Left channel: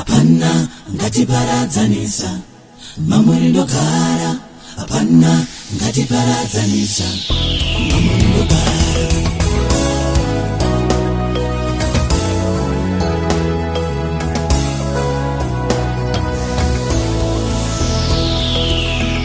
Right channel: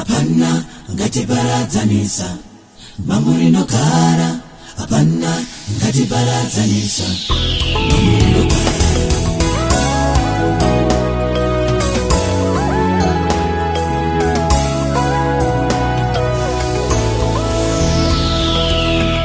hapana ngatiparadzanisa. Mamuri ndogara, hapana ngatiparadzanisa.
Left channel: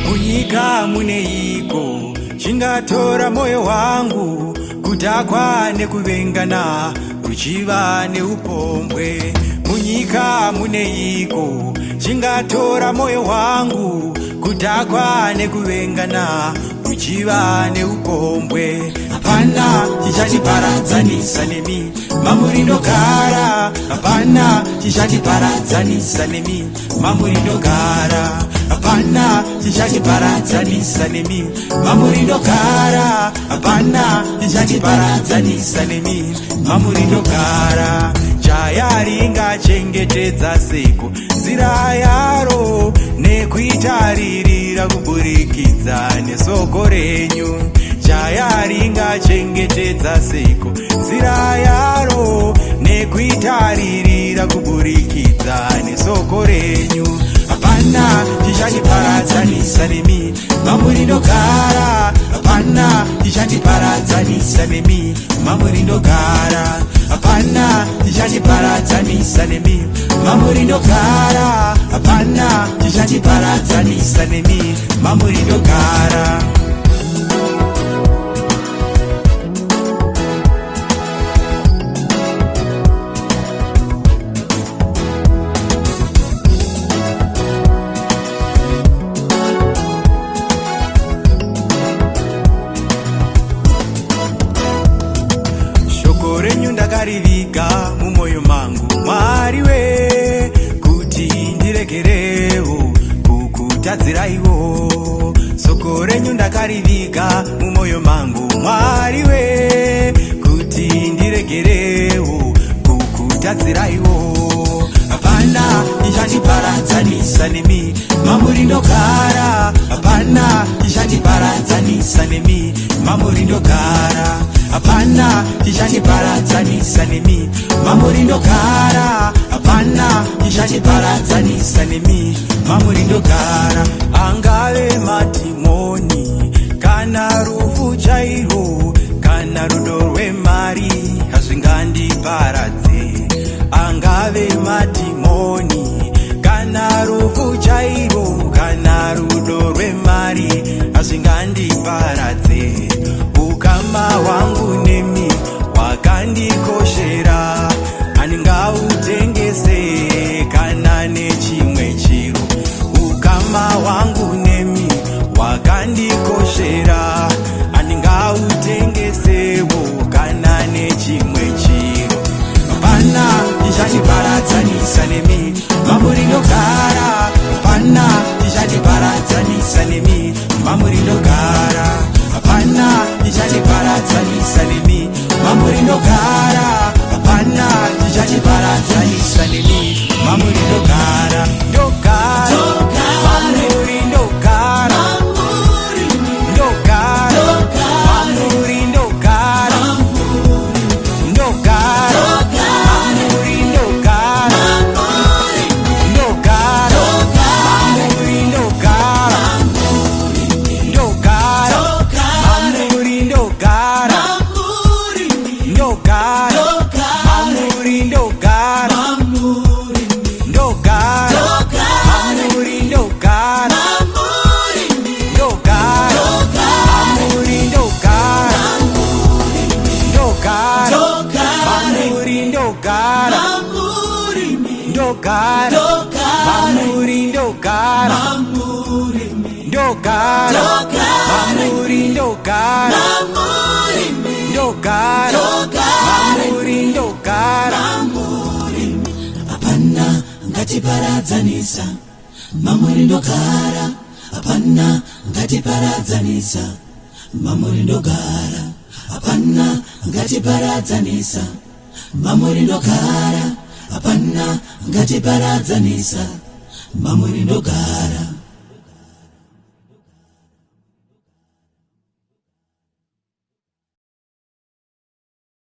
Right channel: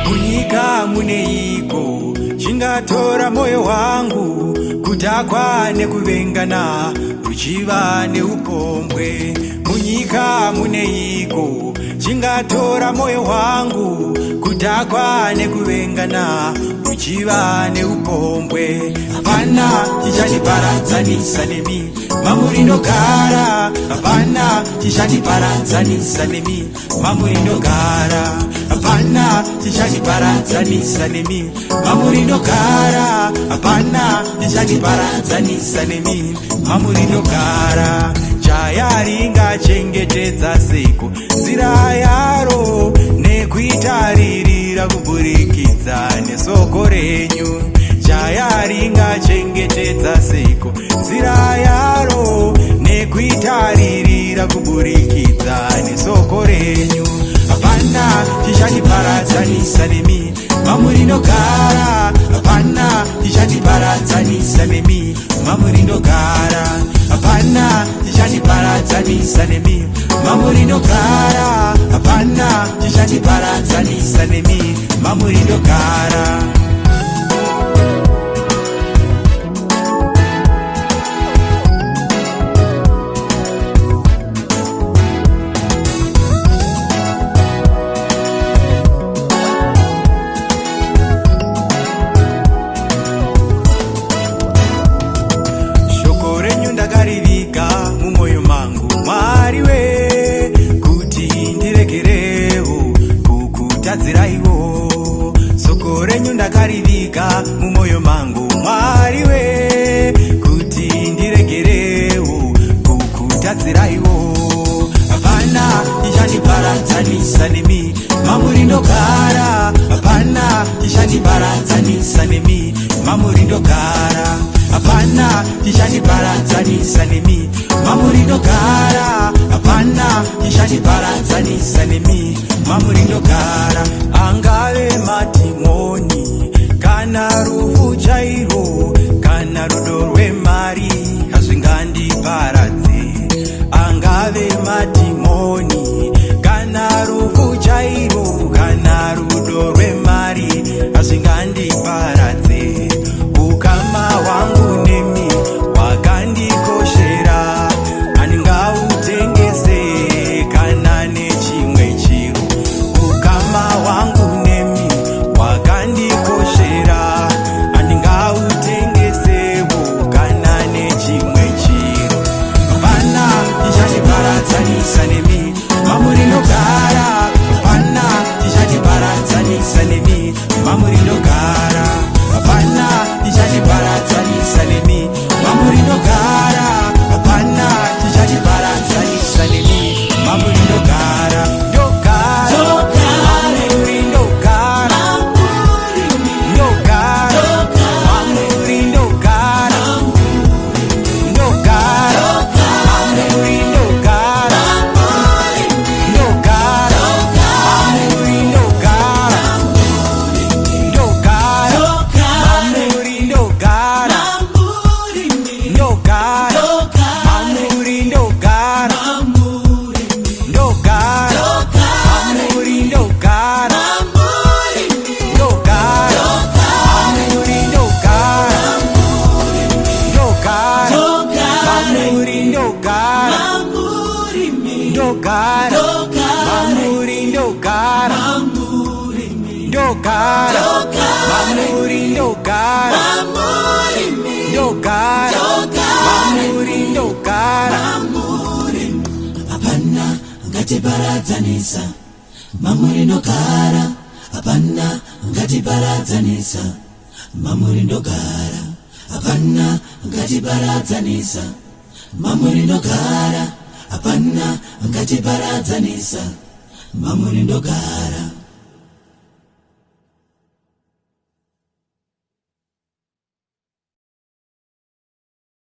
Munyika muneiko chingatora moyo wangu, kutakwa nekuvengana ruchiva neupombwe. Munyika muneiko chingatora moyo wangu, kutakwa nekuvengana ruchiva neupombwe. Hapana chichandiparadzanisa nemi, mamuri ndogara. Hapana chichandiparadzanisa nemi, mamuri ndogara. Hapana chichandiparadzanisa nemi, mamuri ndogara. Hapana chichandiparadzanisa nemi, mamuri ndogara. Jaya ringachengetedza seko nzira yaro, nekuitaririra kuburikidza nesoko renyu. Jaya ringachengetedza seko nzira yaro, nekuitaririra kuburikidza nesoko renyu. Hapana chichandiparadzanisa nemi, mamuri ndogara. Hapana chichandiparadzanisa nemi, mamuri ndogara. Hapana chichandiparadzanisa nemi, mamuri ndogara. Hapana chichandiparadzanisa nemi, mamuri ndogara. Ndakarivika mumoyo mangu Mwari we, kuti ndiregerewo kukutadziraiwo. Soko renyu ndakarivika mumoyo mangu Mwari we, kuti ndiregerewo kukutadziraiwo. Hapana chichandiparadzanisa nemi, mamuri ndogara. Hapana chichandiparadzanisa nemi, mamuri ndogara. Hapana chichandiparadzanisa nemi, mamuri ndogara. Hapana chichandiparadzanisa nemi, mamuri ndogara. Angave matimoni kana rufu chairo, kana rudo rwemari hazvingandiparadze. Angave matimoni kana rufu chairo, kana rudo rwemari hazvingandiparadze. Ukama wangu nemi wakandikoshera, handingautengese kana nechimwe chiro. Ukama wangu nemi wakandikoshera, handingautengesewo kana nechimwe chiro. Hapana chichandiparadzanisa nemi, mamuri ndogara. Hapana chichandiparadzanisa nemi, mamuri ndogara. Hapana chichandiparadzanisa nemi, mamuri ndogara. Hapana chichandiparadzanisa nemi, mamuri ndogara. Ndogara, mamuri ndogara. Ndogara, mamuri ndogara. Ndogara, mamuri ndogara. Ndogara, mamuri ndogara. Ndogara, mamuri ndogara. Ndogara, mamuri ndogara. Ndogara, mamuri ndogara. Ndogara, mamuri ndogara. Ndogara, mamuri ndogara. Ndogara, mamuri ndogara. Ndogara, mamuri ndogara. Ndogara, mamuri ndogara. Hapana ngatiparadzanisa, mamuri ndogara. Hapana ngatiparadzanisa, mamuri ndogara. Hapana ngatiparadzanisa, mamuri ndogara. Hapana ngatiparadzanisa, mamuri ndogara.